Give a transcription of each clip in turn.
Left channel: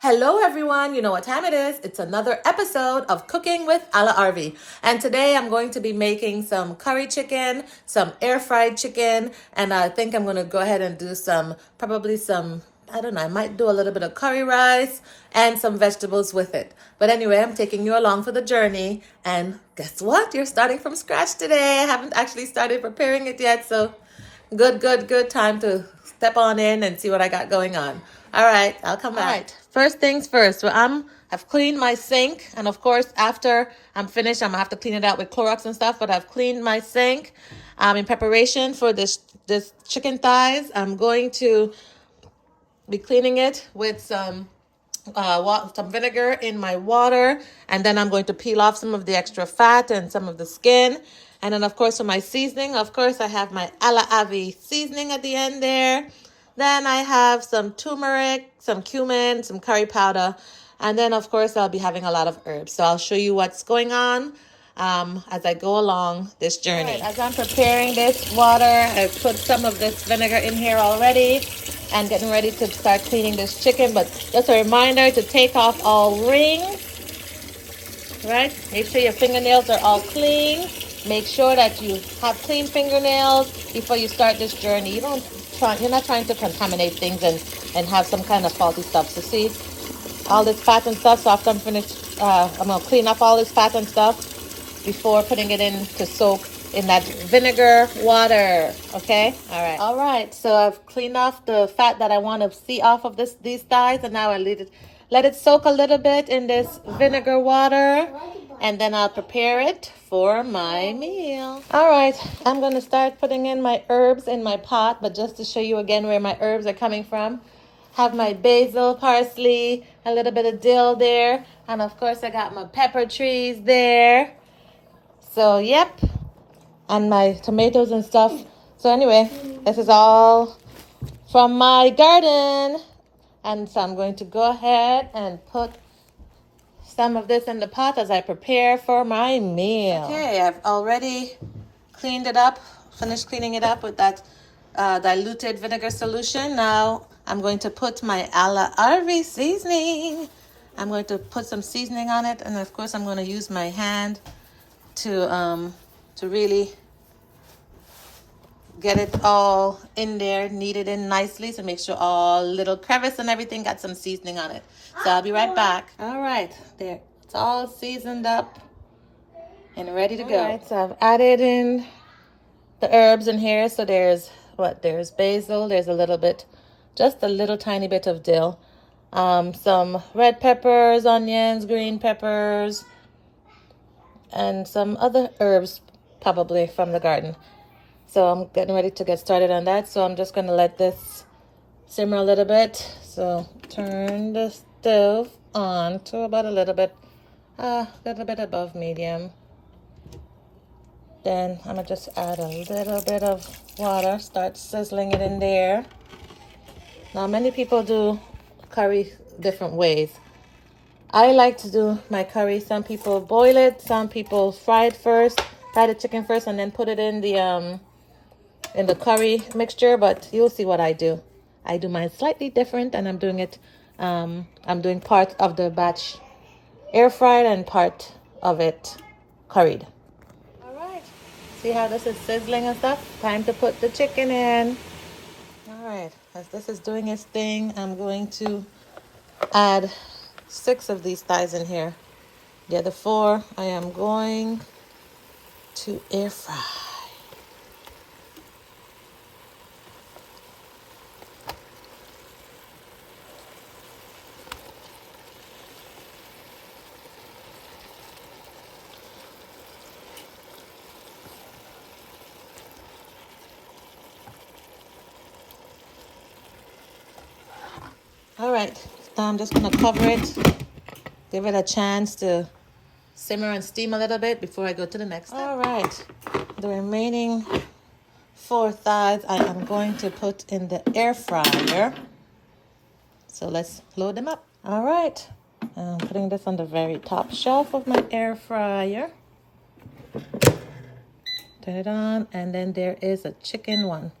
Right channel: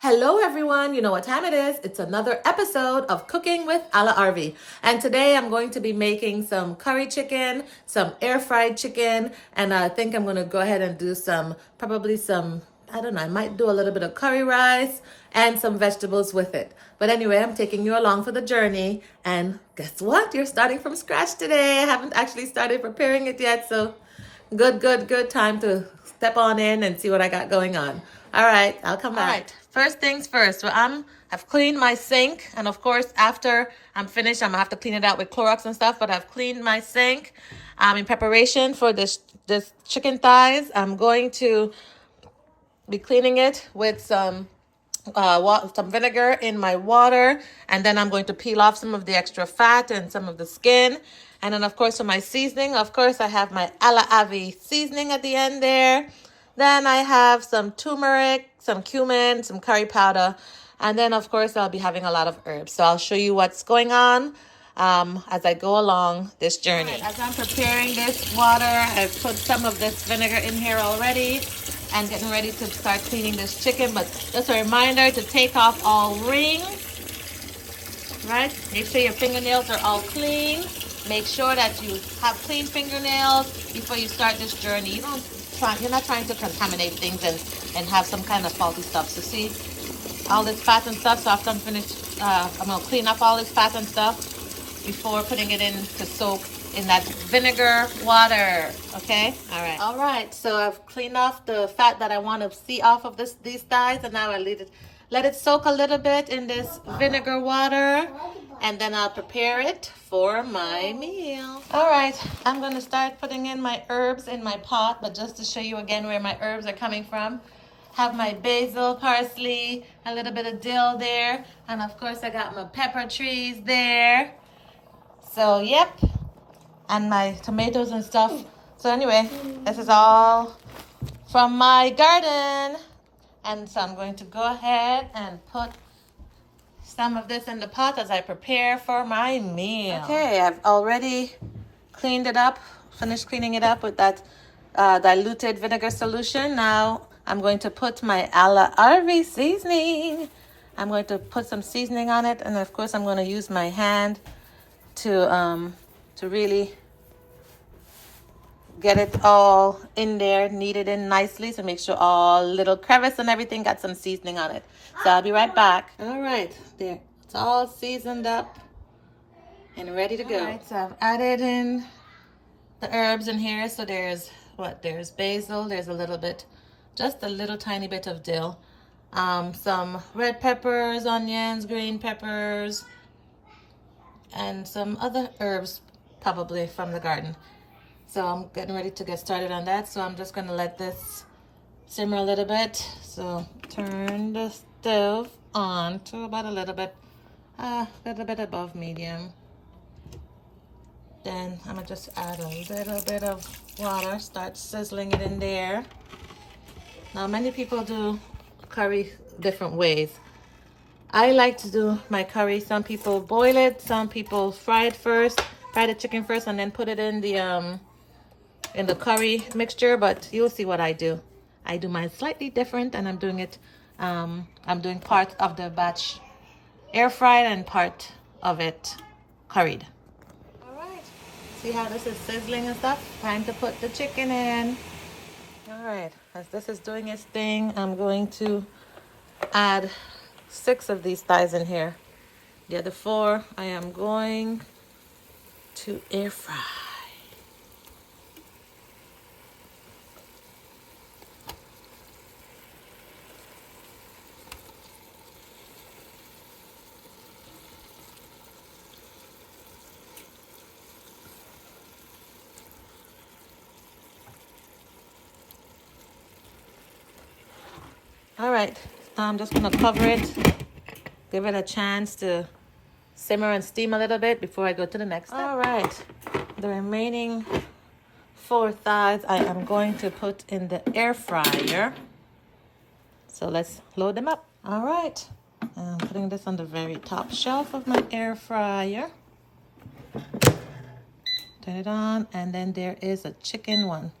Hello everyone, you know what time it is. It's another episode of Cooking with A La Arvy. And today I'm going to be making some curry chicken, some air fried chicken, and I think I'm going to go ahead and do probably some, I don't know, I might do a little bit of curry rice and some vegetables with it. But anyway, I'm taking you along for the journey. And guess what? You're starting from scratch today. I haven't actually started preparing it yet, so good time to step on in and see what I got going on. All right, I'll come back. All right, first things first. So I've cleaned my sink, and of course, after I'm finished, I'm gonna have to clean it out with Clorox and stuff. But I've cleaned my sink in preparation for this chicken thighs. I'm going to be cleaning it with some vinegar in my water, and then I'm going to peel off some of the extra fat and some of the skin. And then, of course, for my seasoning, of course, I have my A La Arvy seasoning at the end there. Then I have some turmeric, some cumin, some curry powder. And then, of course, I'll be having a lot of herbs. So I'll show you what's going on as I go along this journey. Right, as I'm preparing this water, I put some of this vinegar in here already and getting ready to start cleaning this chicken. But just a reminder to take off all rings, right? Make sure your fingernails are all clean. Make sure that you have clean fingernails before you start this journey. You're not trying to contaminate things and have some kind of faulty stuff. So see, all this fat and stuff. So after I'm finished, I'm gonna clean up all this fat and stuff before putting it in to soak in that vinegar water. Okay, all right. So I've cleaned off the fat that I want to see off of these thighs, and now I let it soak a little bit in this vinegar water, and then I'll prepare it for my meal. All right, I'm gonna start putting in my herbs in my pot, but just to show you again where my herbs are coming from. Have my basil, parsley, a little bit of dill there, and of course I got my pepper trees there. So yep, and my tomatoes and stuff. So anyway, this is all from my garden. And so I'm going to go ahead and put some of this in the pot as I prepare for my meal. Okay, I've already cleaned it up, finished cleaning it up with that diluted vinegar solution. Now I'm going to put my A La Arvy seasoning. I'm going to put some seasoning on it, and of course I'm going to use my hand to really get it all in there, knead it in nicely to make sure all little crevice and everything got some seasoning on it. So I'll be right back. All right, there. It's all seasoned up and ready to go. All right, so I've added in the herbs in here. So there's basil, there's just a little tiny bit of dill. Some red peppers, onions, green peppers, and some other herbs probably from the garden. So I'm getting ready to get started on that. So I'm just going to let this simmer a little bit. So turn the stove on to about a little bit above medium. Then I'm going to just add a little bit of water, start sizzling it in there. Now many people do curry different ways. I like to do my curry. Some people boil it, some people fry the chicken first and then put it in the curry mixture, but you'll see what I do. I do mine slightly different, and I'm doing part of the batch air fried and part of it curried. All right, see how this is sizzling and stuff? Time to put the chicken in. All right, as this is doing its thing, I'm going to add 6 of these thighs in here. The other 4 I am going to air fry. All right, now I'm just gonna cover it, give it a chance to simmer and steam a little bit before I go to the next step. All right, the remaining 4 thighs I am going to put in the air fryer. So let's load them up. All right, I'm putting this on the very top shelf of my air fryer. Turn it on, and then there is a chicken one.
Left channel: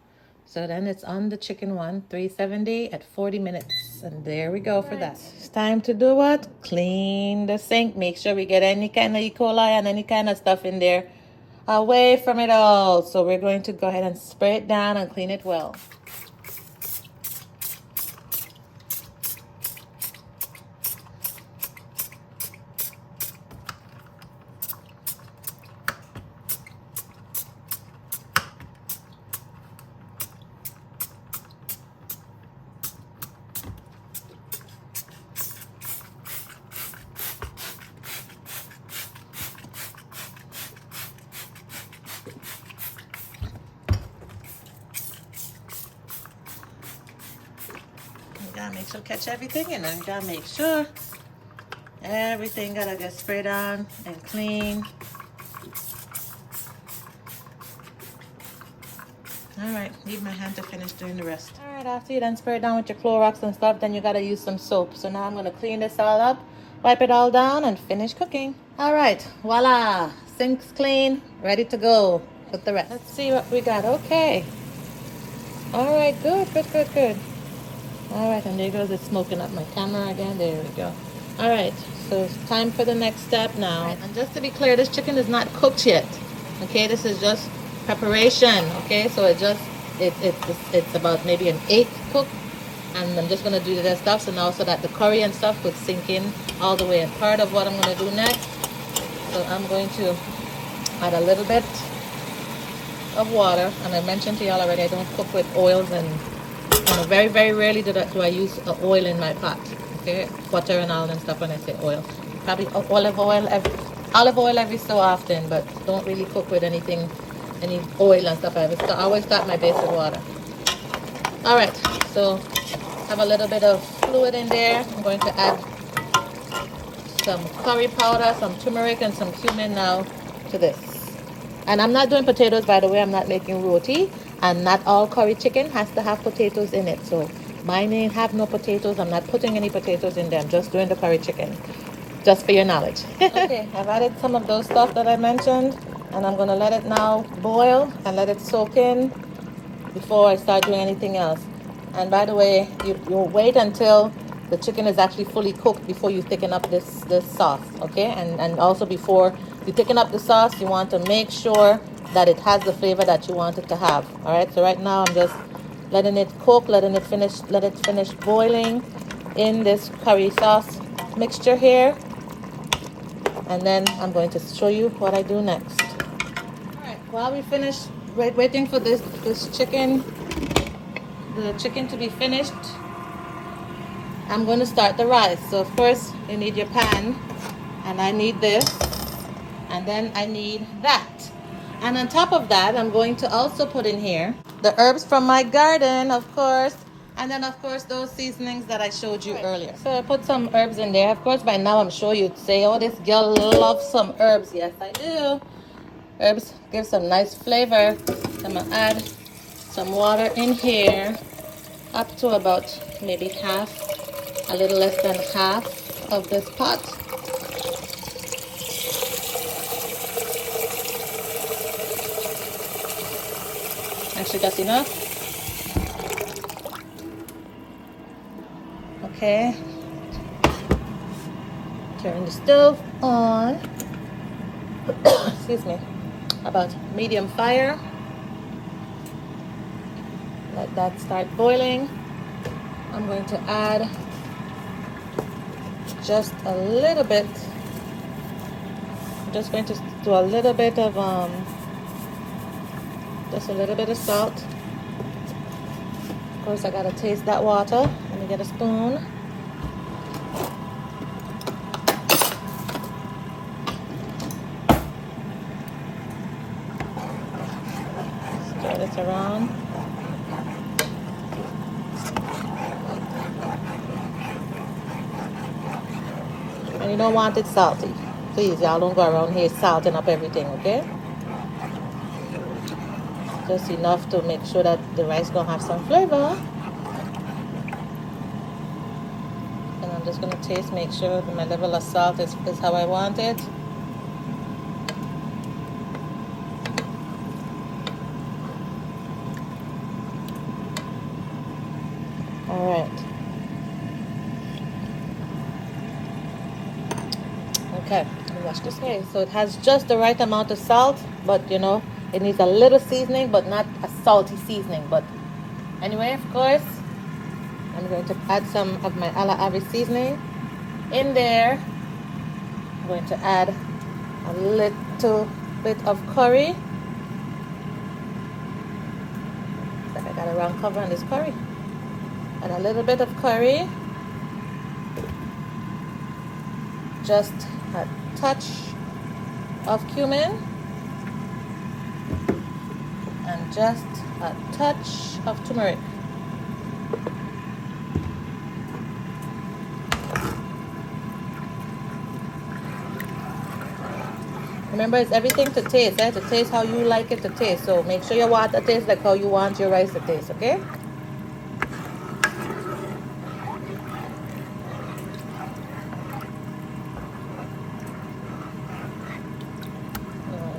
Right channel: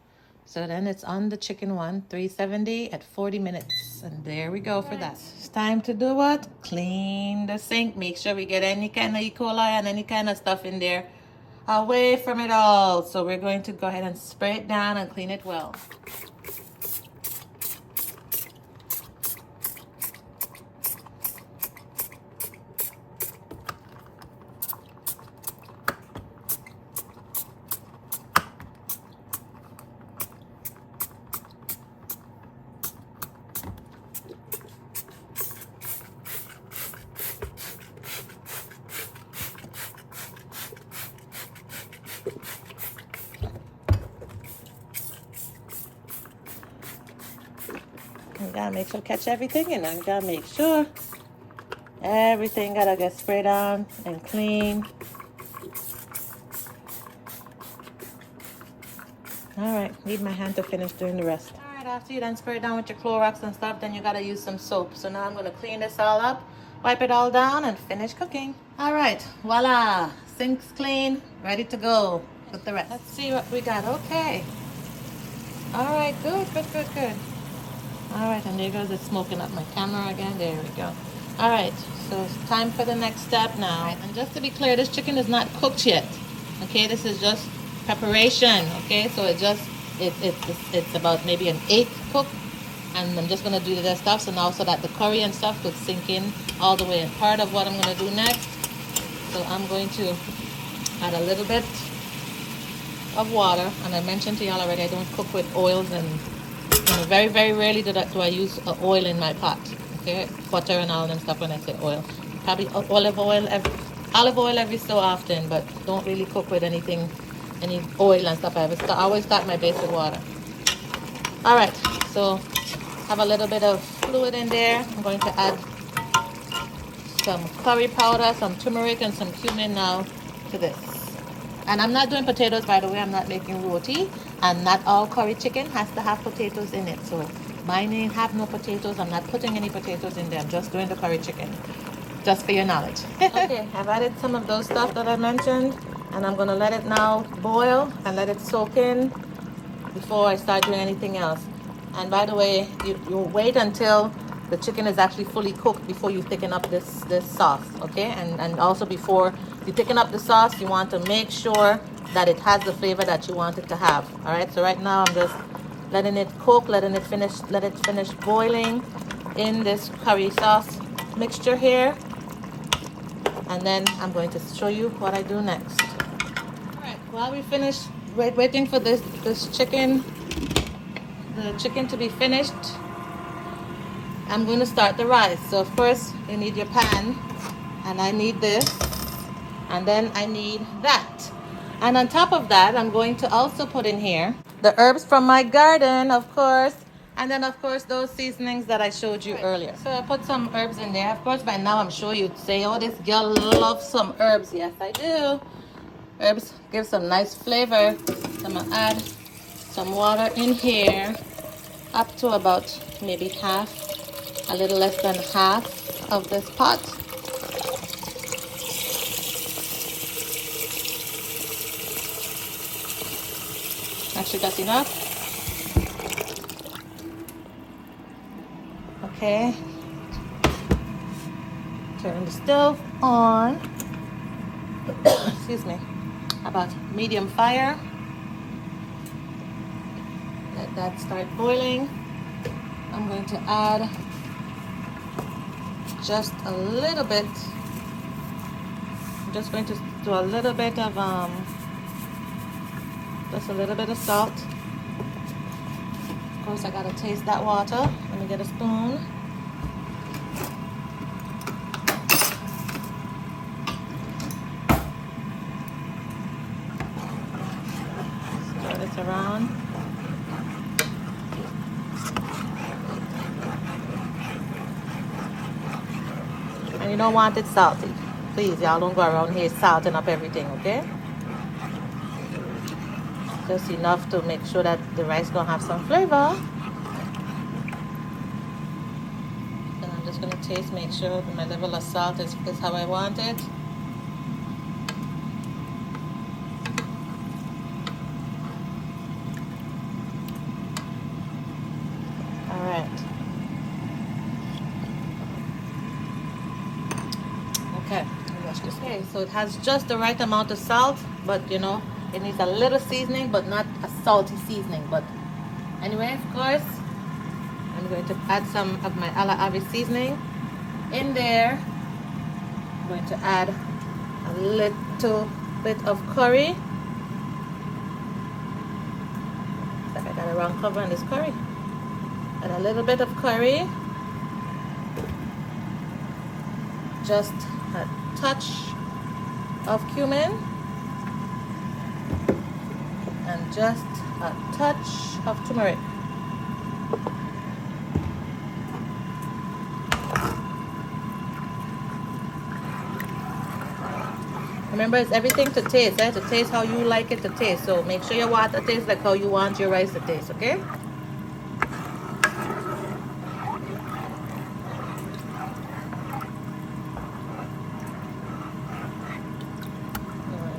So then it's on the chicken one, 370 at 40 minutes. And there we go for that. It's time to do what? Clean the sink. Make sure we get any kind of E. coli and any kind of stuff in there away from it all. So we're going to go ahead and spray it down and clean it well. You gotta make sure catch everything, you know. You gotta make sure everything gotta get sprayed on and clean. Alright, leave my hand to finish doing the rest. Alright, after you done spray it down with your Clorox and stuff, then you gotta use some soap. So now I'm gonna clean this all up, wipe it all down, and finish cooking. Alright, voila! Sink's clean, ready to go with the rest. Let's see what we got. Okay. Alright, good. Alright, and there goes it smoking up my camera again. There we go. Alright, so it's time for the next step now. Right, and just to be clear, this chicken is not cooked yet. Okay, this is just preparation. Okay, so it's about maybe an 1/8 cook. And I'm just going to do the stuff so now so that the curry and stuff could sink in all the way. And part of what I'm going to do next, so I'm going to add a little bit of water. And I mentioned to y'all already, I don't cook with oils and very, very rarely do I use oil in my pot. Okay, butter and all and stuff when I say oil. Probably olive oil every so often, but don't really cook with any oil and stuff. I always start my base with water. Alright, so have a little bit of fluid in there. I'm going to add some curry powder, some turmeric, and some cumin now to this. And I'm not doing potatoes, by the way. I'm not making roti. And not all curry chicken has to have potatoes in it. So mine ain't have no potatoes. I'm not putting any potatoes in them. Just doing the curry chicken. Just for your knowledge. Okay, I've added some of those stuff that I mentioned. And I'm going to let it now boil and let it soak in before I start doing anything else. And by the way, you'll wait until the chicken is actually fully cooked before you thicken up this sauce, okay? And also before you thicken up the sauce, you want to make sure that it has the flavor that you want it to have. All right, so right now I'm just letting it cook, let it finish boiling in this curry sauce mixture here. And then I'm going to show you what I do next. All right, while we finish waiting for the chicken to be finished, I'm going to start the rice. So first you need your pan, and I need this, and then I need that. And on top of that, I'm going to also put in here the herbs from my garden, of course, and then of course those seasonings that I showed you earlier. So I put some herbs in there. Of course, by now I'm sure you'd say, oh, this girl loves some herbs. Yes, I do. Herbs give some nice flavor. So I'm going to add some water in here, up to about maybe half, a little less than half of this pot. Actually, that's enough. Okay. Turn the stove on. Excuse me. About medium fire. Let that start boiling. I'm going to add just a little bit. I'm just going to do a little bit of just a little bit of salt. Of course, I gotta taste that water. Let me get a spoon. Stir this around. And you don't want it salty. Please, y'all don't go around here salting up everything, okay? Just enough to make sure that the rice gonna have some flavor. And I'm just gonna taste, make sure that my level of salt is how I want it. Alright. Okay, let me wash this. Okay, so it has just the right amount of salt, but you know, it needs a little seasoning, but not a salty seasoning. But anyway, of course, I'm going to add some of my A La Arvy seasoning in there. I'm going to add a little bit of curry. Looks like I got a wrong cover on this curry. And a little bit of curry. Just a touch of cumin. And just a touch of turmeric. Remember, it's everything to taste, to taste how you like it to taste. So make sure your water tastes like how you want your rice to taste, okay?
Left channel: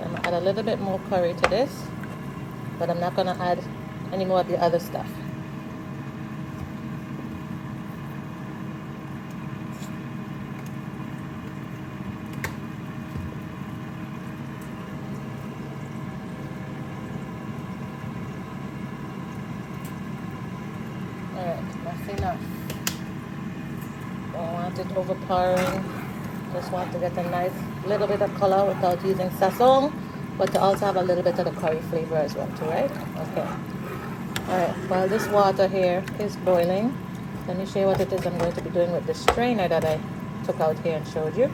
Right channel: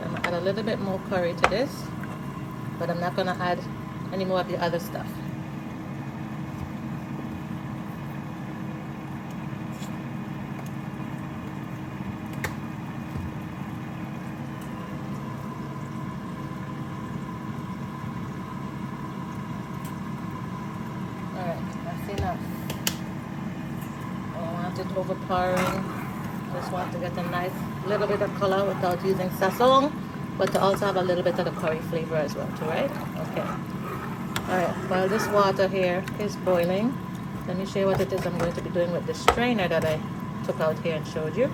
I'm gonna add a little bit more curry to this, but I'm not gonna add any more of the other stuff. Enough. Don't want it overpowering. Just want to get a nice little bit of color without using sazon, but to also have a little bit of the curry flavor as well too, right? Okay. Alright, while this water here is boiling, let me show you what it is I'm going to be doing with the strainer that I took out here and showed you.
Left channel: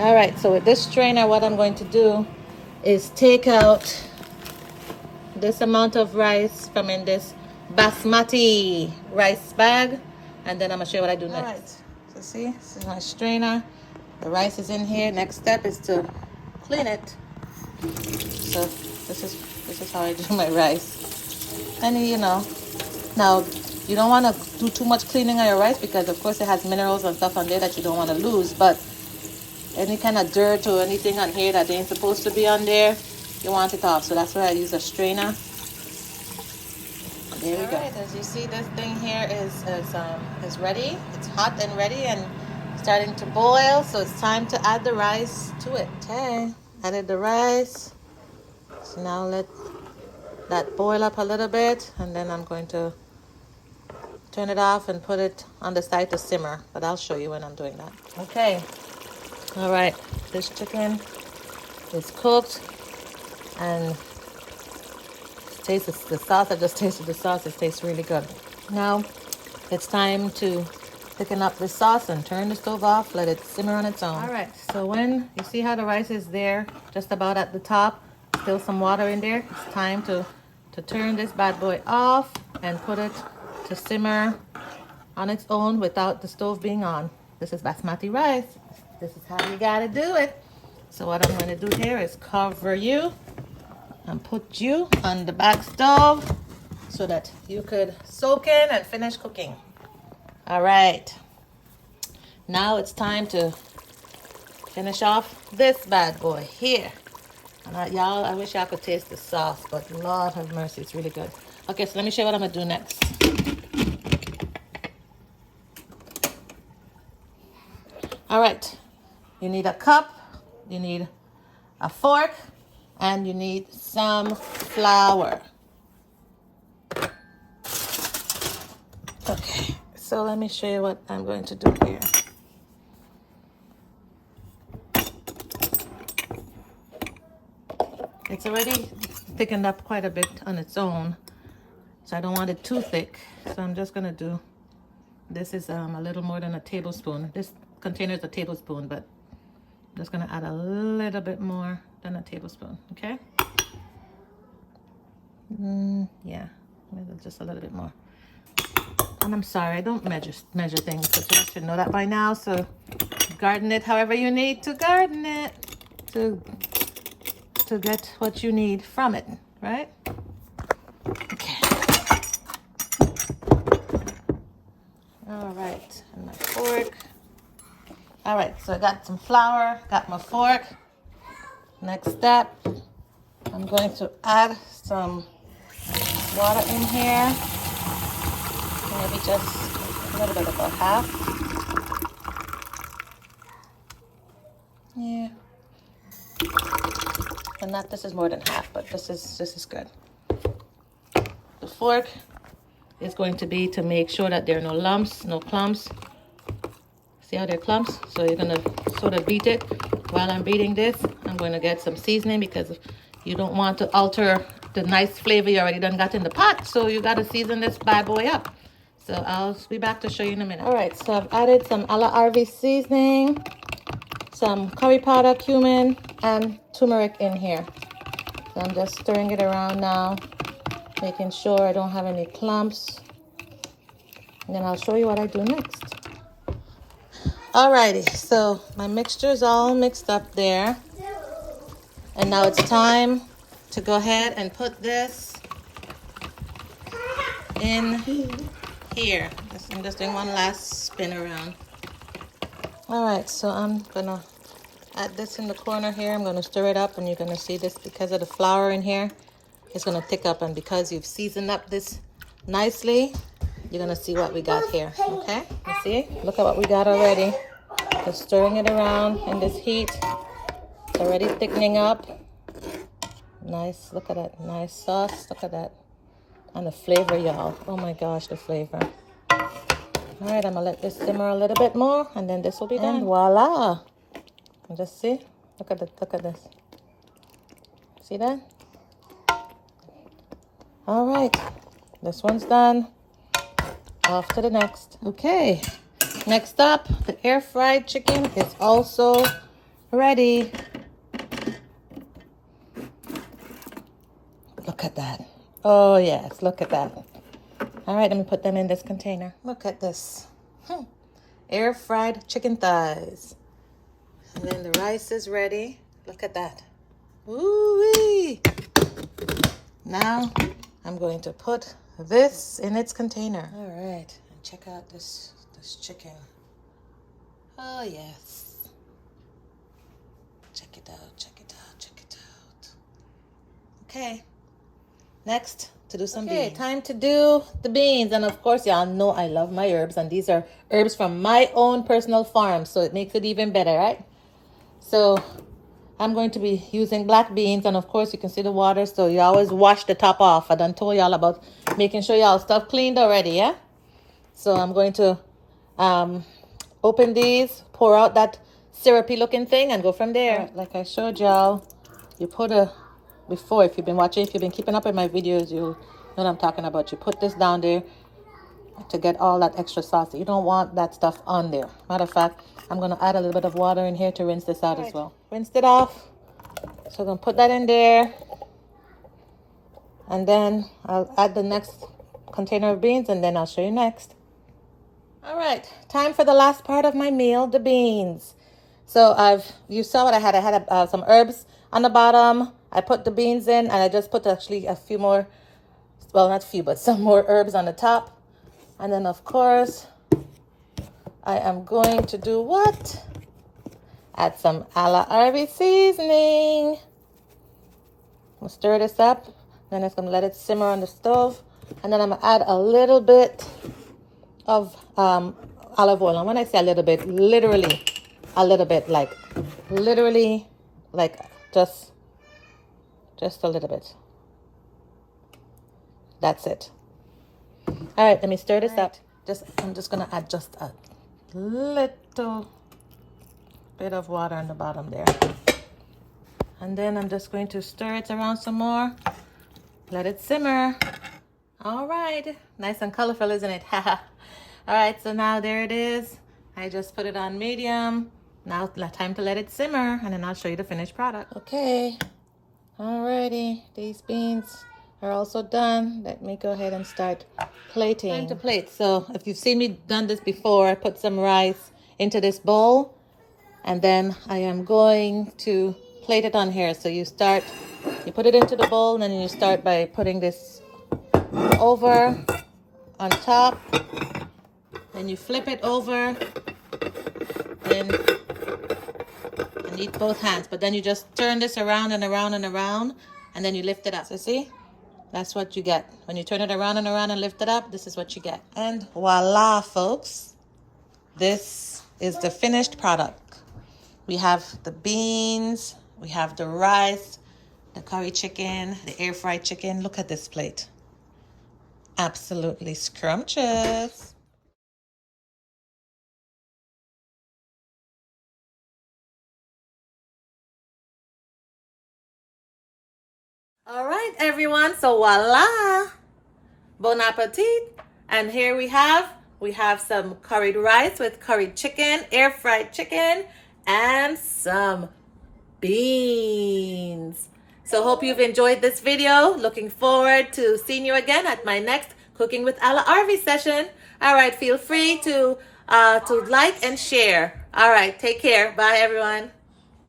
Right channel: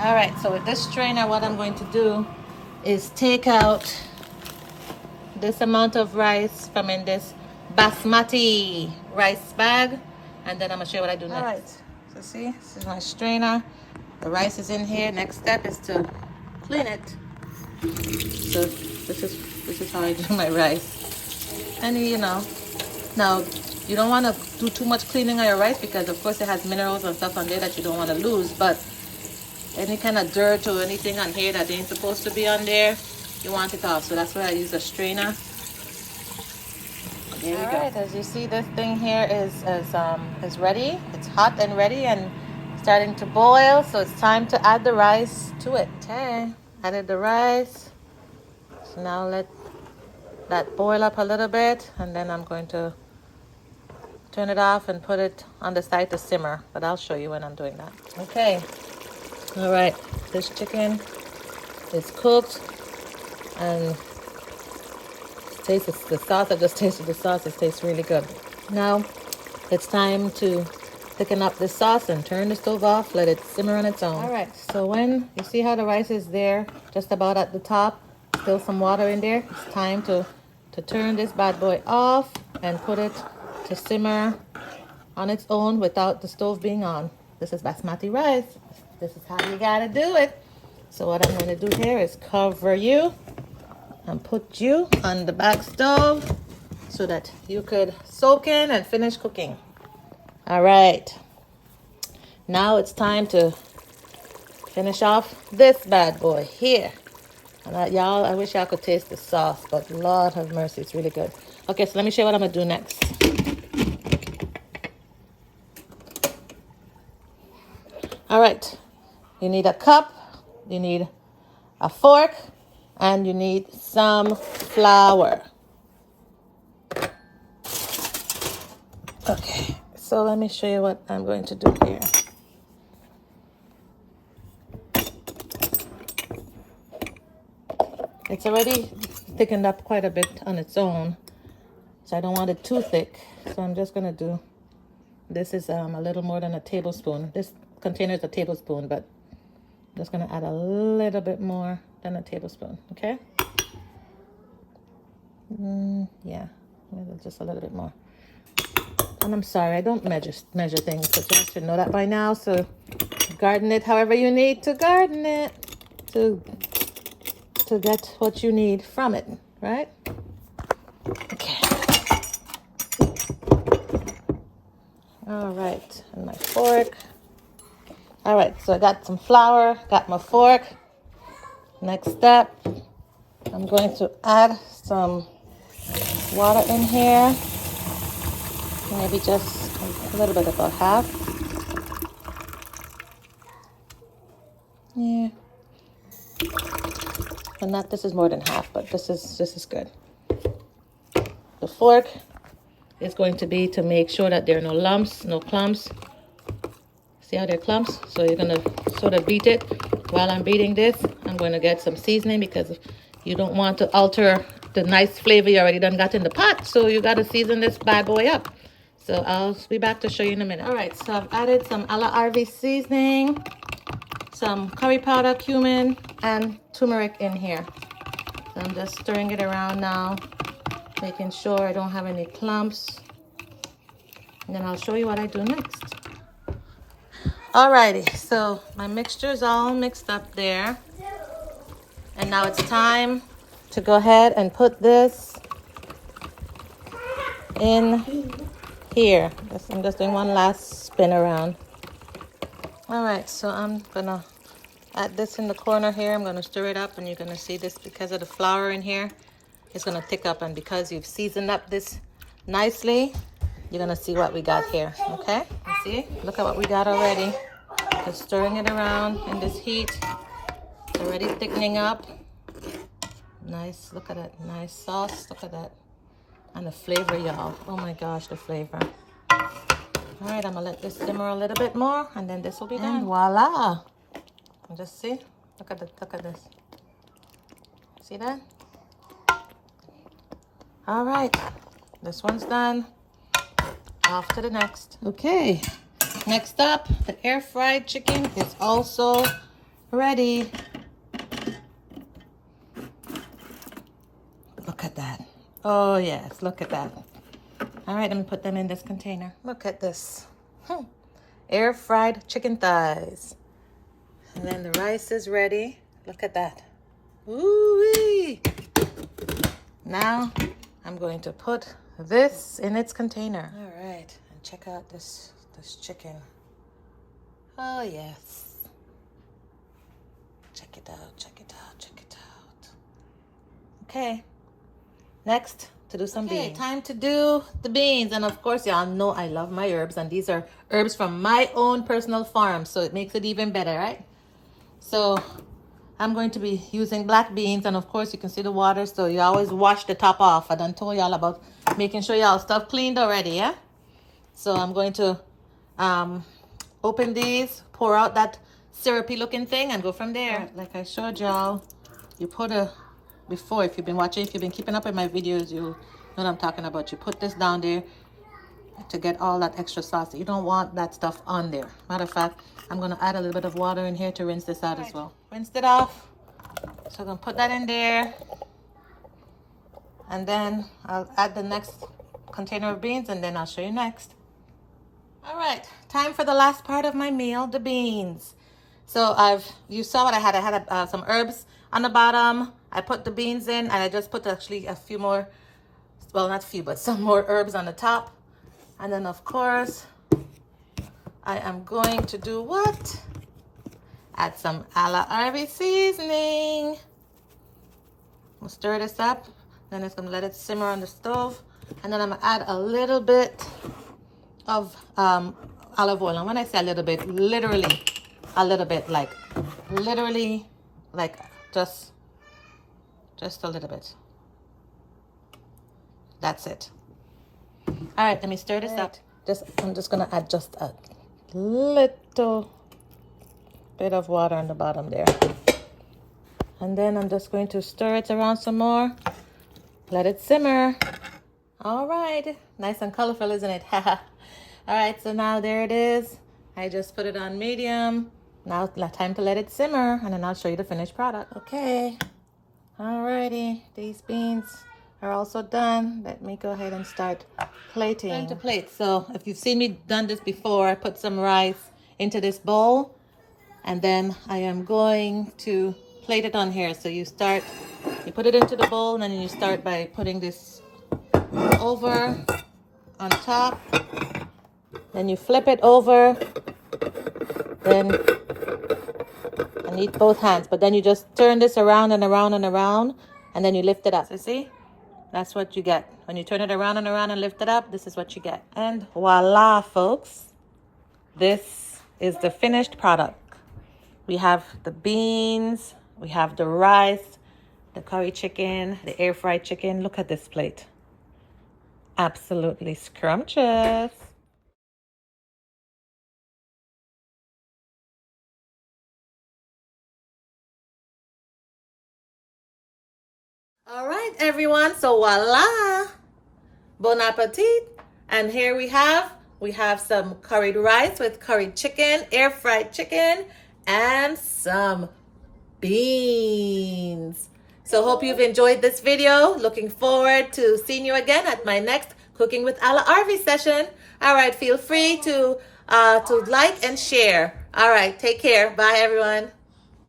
Alright, so with this strainer, what I'm going to do is take out this amount of rice from in this Basmati rice bag, and then I'm gonna show you what I do next. All right, so see, this is my strainer. The rice is in here. Next step is to clean it. So this is how I do my rice. And you know, now you don't want to do too much cleaning on your rice because of course it has minerals and stuff on there that you don't want to lose, but any kind of dirt or anything on here that ain't supposed to be on there, you want it off. So that's why I use a strainer. There we go. Alright, as you see, this thing here is ready. It's hot and ready and starting to boil. So it's time to add the rice to it. Okay, added the rice. So now let that boil up a little bit, and then I'm going to turn it off and put it on the side to simmer. But I'll show you when I'm doing that. Okay. All right, this chicken is cooked, and taste the sauce. I just tasted the sauce. It tastes really good. Now it's time to thicken up the sauce and turn the stove off. Let it simmer on its own. All right, so when you see how the rice is there, just about at the top, still some water in there, it's time to turn this bad boy off and put it to simmer on its own without the stove being on. This is Basmati rice. This is how you gotta do it. So what I'm gonna do here is cover you and put you on the back stove so that you could soak in and finish cooking. All right. Now it's time to finish off this bad boy here. And y'all, I wish y'all could taste the sauce, but Lord have mercy, it's really good. Okay, so let me show you what I'm gonna do next. All right. You need a cup, you need a fork, and you need some flour. Okay, so let me show you what I'm going to do here. It's already thickened up quite a bit on its own, so I don't want it too thick. So I'm just gonna do, this is a little more than a tablespoon. This container is a tablespoon, but I'm just gonna add a little bit more than a tablespoon, okay? Yeah, just a little bit more. And I'm sorry, I don't measure things, but you should know that by now. So garden it however you need to garden it to get what you need from it, right? Okay. All right, and my fork. All right, so I got some flour, got my fork. Next step, I'm going to add some water in here. Maybe just a little bit, about half. Yeah. And not, this is more than half, but this is good. The fork is going to be to make sure that there are no lumps, no clumps. See how they're clumps? So you're gonna sort of beat it. While I'm beating this, I'm going to get some seasoning because you don't want to alter the nice flavor you already done got in the pot. So you got to season this bad boy up. So I'll be back to show you in a minute. All right, so I've added some A La Arvy seasoning, some curry powder, cumin, and turmeric in here. So I'm just stirring it around now, making sure I don't have any clumps. And then I'll show you what I do next. Alrighty, so my mixture is all mixed up there. And now it's time to go ahead and put this in here. I'm just doing one last spin around. Alright, so I'm gonna add this in the corner here. I'm gonna stir it up, and you're gonna see this because of the flour in here. It's gonna thick up, and because you've seasoned up this nicely, you're gonna see what we got here. Okay, you see? Look at what we got already. Just stirring it around in this heat. It's already thickening up. Nice, look at that nice sauce. Look at that. And the flavor, y'all. Oh my gosh, the flavor. All right, I'm gonna let this simmer a little bit more, and then this will be done. And voila! Just see, look at this. See that? All right, this one's done. Off to the next. Okay, next up, the air fried chicken is also ready. Look at that. Oh yes, look at that. All right, let me put them in this container. Look at this. Air fried chicken thighs. And then the rice is ready. Look at that. Ooh-wee. Now I'm going to put this in its container. All right, and check out this chicken. Oh yes. Check it out, check it out, check it out. Okay, next to do some beans. Time to do the beans. And of course, y'all know I love my herbs, and these are herbs from my own personal farm, so it makes it even better, right? So I'm going to be using black beans, and of course you can see the water, so you always wash the top off. I done told y'all about making sure y'all stuff cleaned already, yeah? So I'm going to open these, pour out that syrupy looking thing, and go from there. Right, like I showed y'all, you put before, if you've been watching, if you've been keeping up with my videos, you know what I'm talking about. You put this down there to get all that extra sauce. You don't want that stuff on there. Matter of fact, I'm going to add a little bit of water in here to rinse this out as well. Rinsed it off. So I'm going to put that in there. And then I'll add the next container of beans, and then I'll show you next. All right, time for the last part of my meal, the beans. So you saw what I had. I had some herbs on the bottom. I put the beans in, and I just put actually a few more, well, not few, but some more herbs on the top. And then, of course, I am going to do what? Add some A La Arvy seasoning. I'm going to stir this up. Then it's going to let it simmer on the stove. And then I'm going to add a little bit of olive oil. And when I say a little bit, literally a little bit, like literally like just a little bit. That's it. All right, let me stir this up. I'm just gonna add just a little bit of water on the bottom there. And then I'm just going to stir it around some more. Let it simmer. All right, nice and colorful, isn't it? All right, so now there it is. I just put it on medium. Now time to let it simmer, and then I'll show you the finished product. Okay, alrighty, these beans are also done. Let me go ahead and start plating. Time to plate. So if you've seen me done this before, I put some rice into this bowl, and then I am going to plate it on here. So you put it into the bowl, and then you start by putting this over on top, then you flip it over, then I need both hands, but then you just turn this around and around and around, and then you lift it up. So see, That's what you get. When you turn it around and around and lift it up, this is what you get. And voila, folks. This is the finished product. We have the beans, we have the rice, the curry chicken, the air fried chicken. Look at this plate. Absolutely scrumptious. All right, everyone. So voila. Bon appetit. And here we have some curried rice with curried chicken, air fried chicken, and some beans. So hope you've enjoyed this video. Looking forward to seeing you again at my next Cooking with A La Arvy session. All right, feel free to like and share. All right, take care. Bye, everyone.